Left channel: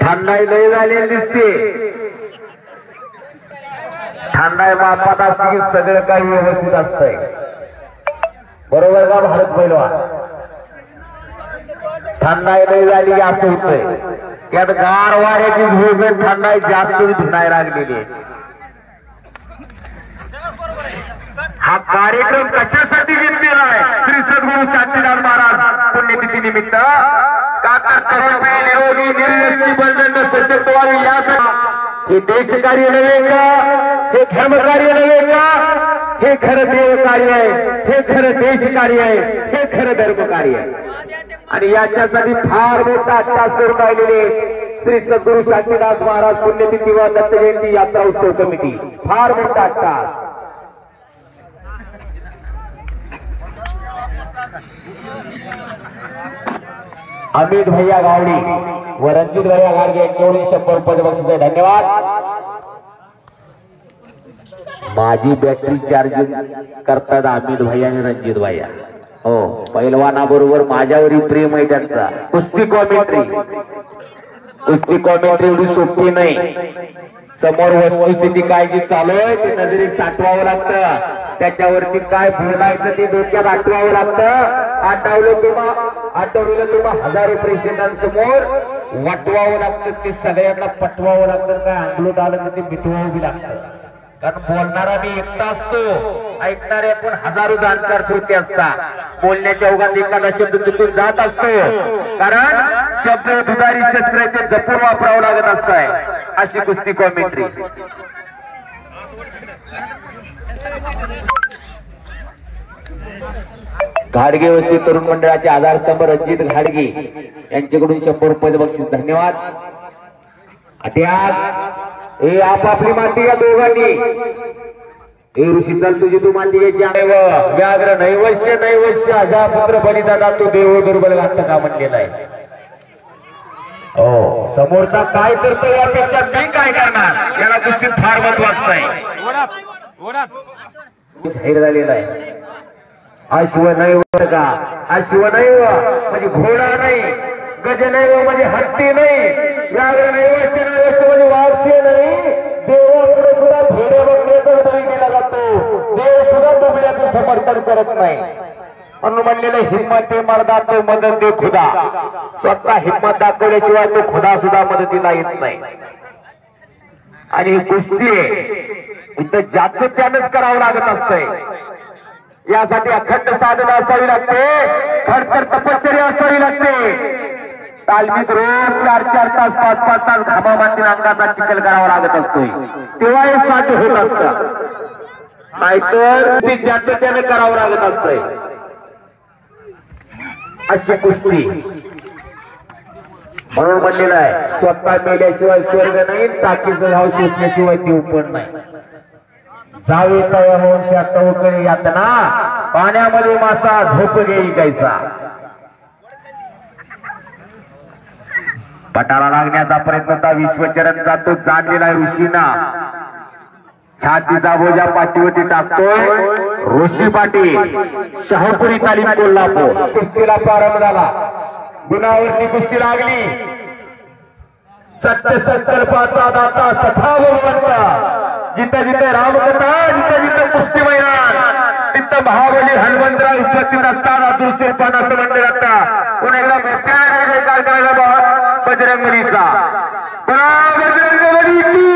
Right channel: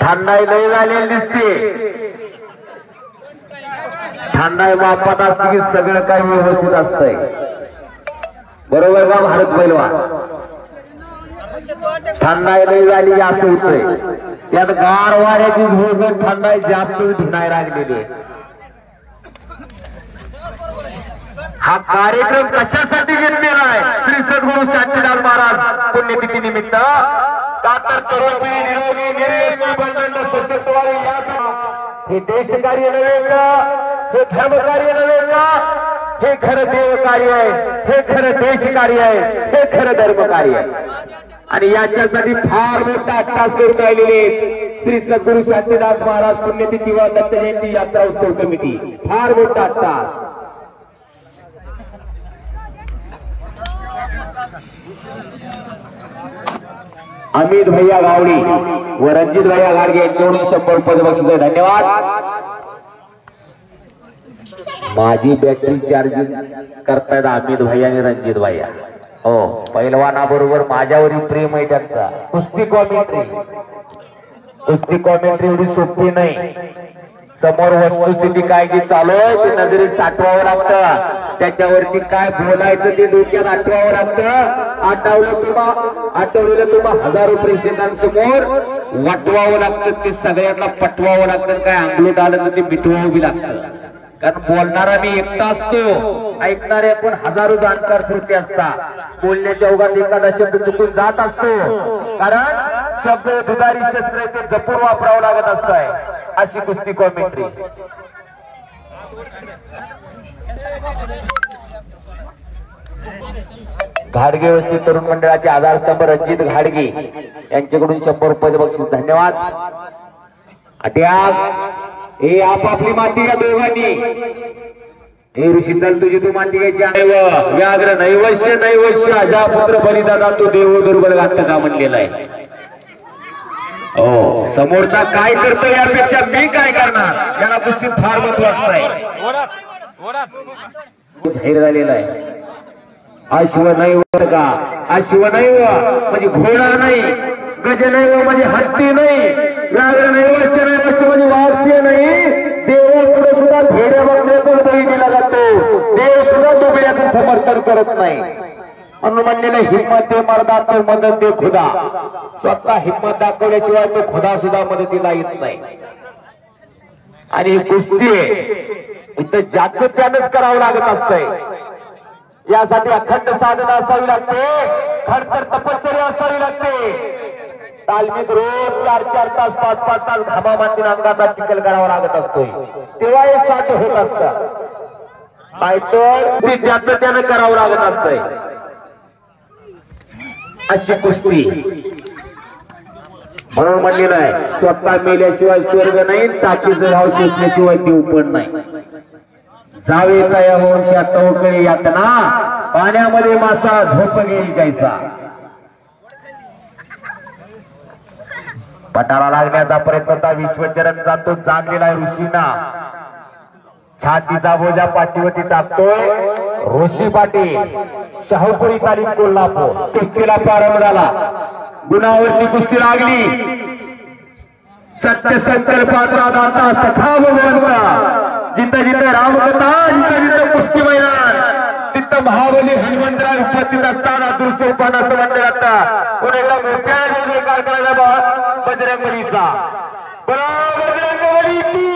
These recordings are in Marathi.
थंडाई लय झालेली दिसते. थंडाई मापात असते की सगळं काही व्यवस्थित असतंय. बरोबर का भारत पैलवान? थंडाई लय झाली असं होतंय. यात गार वाऱ्याची झुळूक थंडाई जास्त धुनाय लागलेली. हा कार्यक्रम कशासाठी घेतलेला आहे? श्री सद्गुरू शांतीलाल महाराज पुण्यतिथी निमित्त. का तर तरुण निरोगी निर्व्यसनी बळकट सशक्त व्हावे यासाठी. हे देशकार्य नव्हे का? हे धर्मकार्य नव्हे का? हे खरं देवकार्य आहे, हे खरं देशकार्य आहे, हे खरं धर्मकार्य आहे. आणि याच्यासाठी फार मोठा अट्टास करून राहिलेले श्री सद्गुरू शांतीनाथ महाराज पुण्यतिथी व दत्त जयंती यात्रा उत्सव कमिटी. फार मोठा अट्टास. अमित भैया गावडी व रणजित भैया गाडगे यांच्याकडून 100 रुपये बक्षीस आहे. धन्यवाद. माझी बॅटरी चार्जिंग करतायत अमित भैया आणि रणजित भैया. हो, पैलवानाबरोबर माझ्यावरही प्रेम आहे त्यांचा. कुस्ती कॉमेंट्री एवढी सोपी नाही. समोर वस्तुस्थिती काय जी चालू आहे ते नजरेत साठवावं लागतं. त्याच्यावरती काय बोलायचं ते डोक्यात आठवावं लागतं. आठवलेलं तुम्हा हजारो प्रेक्षकांसमोर वाटवावं लागतं. ते सगळ्यांना पटवावं लागतं. काय अंगलूट आलं तर ते मिटवावं लागतं. कारण बोलणारा मी एकटा असतो, ऐकणारे आपण हजारो जाणकार श्रोते असतात. बोलण्याच्या ओघात एखादा शब्द चुकून जात असतो. कारण शब्द दुधारी शस्त्र ते जपून वापरावं लागत असतंय. अशी कुस्ती कॉमेंट्री. घाडगे वस्ती तरुण मंडळाचे आधारस्तंभ रणजित घाडगे यांच्याकडून 100 रुपये बक्षीस. धन्यवाद. हे आपापली माती या दोघांनी. हे ऋषी चल तुझी तू माती घ्यायची. व्याघ्र नैवश्य नैवश्य अजा पुत्र बलिदादा तो देव दुर्बल घात का म्हणलेला आहे. हो, समोरचा काय करतो यापेक्षा मी काय करणार याला कुस्तीत फार महत्व असतंय. जाहीर झालेला आहे. अश्वनैव का अश्वनैव म्हणजे घोडा नाही, गजनैव म्हणजे हत्ती नाही, व्याघ्र नैवश्य नैवश्य म्हणजे वाघस्य नाही. देवापुढे सुद्धा भेड्या बघण्याचा बळी दिला जातो. देव सुद्धा दुबळ्याचं समर्थन करत नाही. म्हणून म्हणलेलं हिम्मत दे मर्दा तो मदत दे खुदा. स्वतः हिम्मत दाखवल्याशिवाय तो खुदा सुद्धा मदतीला येत नाही. आणि ही कुस्ती इथं ज्याचं त्यानंच करावं लागत असतंय. यासाठी अखंड साधना असावी लागते, खडतर तपश्चर्या असावी लागते. तालमीत रोज 4-4 तास 5-5 तास घामा मातीन अंगाचा चिखल करावा लागत असतोय. तेव्हा हे साध्य होत असतं. नाहीतर ते ज्याचं त्यानं करावं लागत असतंय. अशी कुस्ती. म्हणून म्हणलेलं आहे स्वतः मेल्याशिवाय स्वर्ग नाही, टाकीचं भाव शोधल्याशिवाय देव पण नाही. जावे तया होऊन शातवकळी यातना, पाण्यामध्ये मासा झोप घेईल कैसा. पटाला लागण्याचा प्रयत्न विश्वचरण जातो. जाणलेला ऋषीना छातीचा बोजा पाठीवरती टाकतोय. ऋषी पाटील शहापुरी तालीम कोल्हापूर. कुस्तीला प्रारंभ झाला. गुणावरती कुस्ती लागली. सत्य संकल्पाचा दाता सखा भगवंत. जिथं जिथं रामकथा, जिथं जिथं कुस्ती मैदान, तिथं महाबली हनुमंतराव उपस्थित असताना दृश्य रूपानं असं म्हणलं जातं. पुन्हा एकदा मोठ्याने जय जयकार करायला बजरंगबलीचा. बजरंगबली की.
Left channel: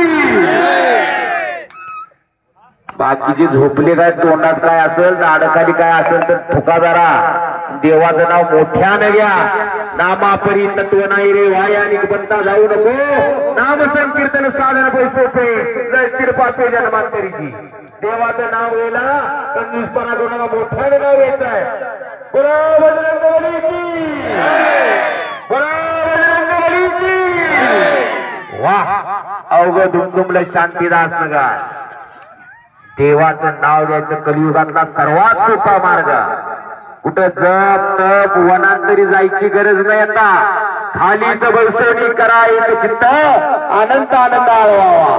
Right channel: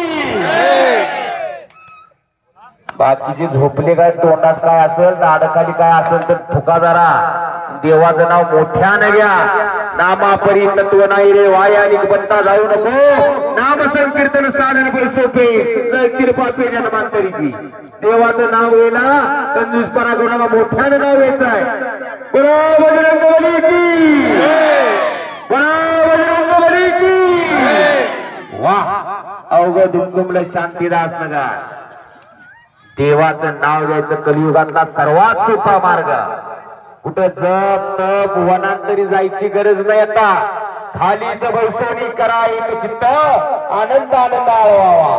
बाकीचे झोपले काय तोंडात काय असेल, दाढखाली काय असेल तर थुका जरा. देवाचं नाव मोठ्यानं घ्या. नामापरी तत्व नाही रे वायानिक बनता जाऊ नको. नाम संकीर्तन साधन पैसोपे जळतील पापे जन्मांतरीची. देवाचं नाव येला कंजूसपणा कोणाला मोठ्यानं नाव घ्यायचं आहे. बजरंगबली की. बजरंगबली की. वाह, अवघ दुमदुमलं शांतीदास नगर. देवाचं नाव घ्यायचं कलियुगातला सर्वात सोपा मार्ग. कुठं जप तप वनांतरी जायची गरज नाही. आता खाली बसवणी करा एक चित्त, आनंद आनंद आळवावा.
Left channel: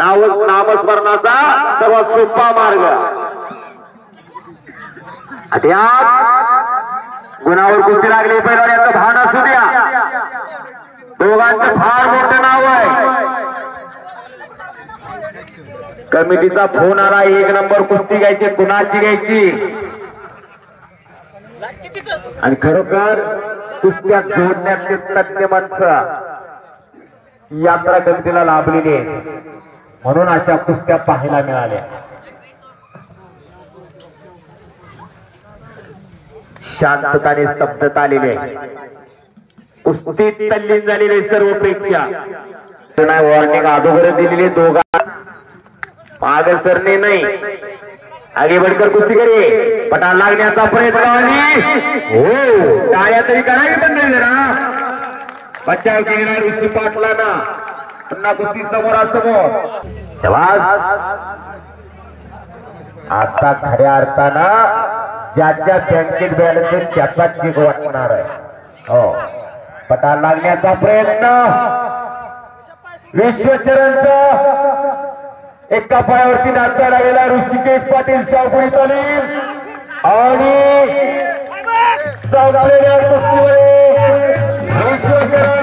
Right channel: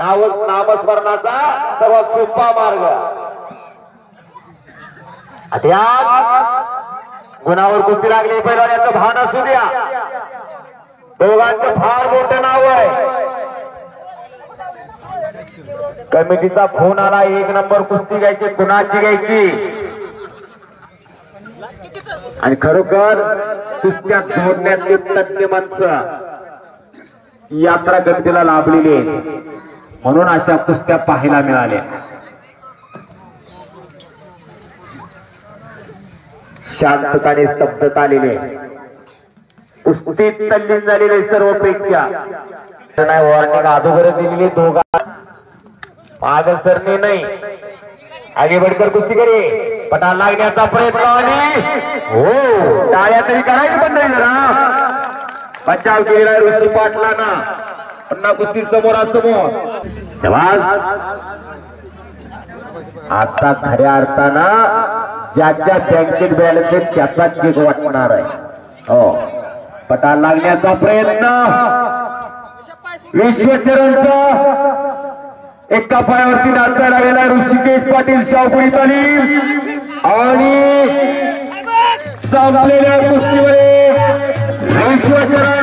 नामस्मरणाचा सर्वात सोपा मार्ग. गुणावर कुस्ती लागली पैलवानाचं भान असू द्या. फार मोठं नाव आहे. कमिटीचा फोन आला, 1 नंबर कुस्ती घ्यायची, कुणाची घ्यायची. आणि खरोखर कुस्त्या जोडण्याचे तज्ञ माणसं यात्रा कमिटीला लाभलेली आहे, म्हणून अशा कुस्त्या पाहायला मिळाल्या. शांतता आणि स्तब्धता आलेली आहे. कुस्तीत तल्लीन झालेले सर्व प्रेक्षक. वॉर्निंग अगोदर दिलेली दोघा मागे सरणे नाही, आगे बढ़कर कुस्ती करी. पटा लागण्याचा प्रयत्न आणि हो टाळ्या तरी करायची पण नाही जरा. बचाव केलेला ऋषी पाटलांना. पुन्हा कुस्ती समोरासमोर. आता खऱ्या अर्थानं ज्याच्या बँकेत बॅलन्स आहे त्याचाच जीव वाटणार आहे. हो पटा लागण्याचा प्रयत्न. विश्वचरणचा एका पायावरती नाचायला गेला ऋषिकेश पाटील शाहपुरी तालीम. आणि संपलेल्या कुस्तीमध्ये विश्वचरण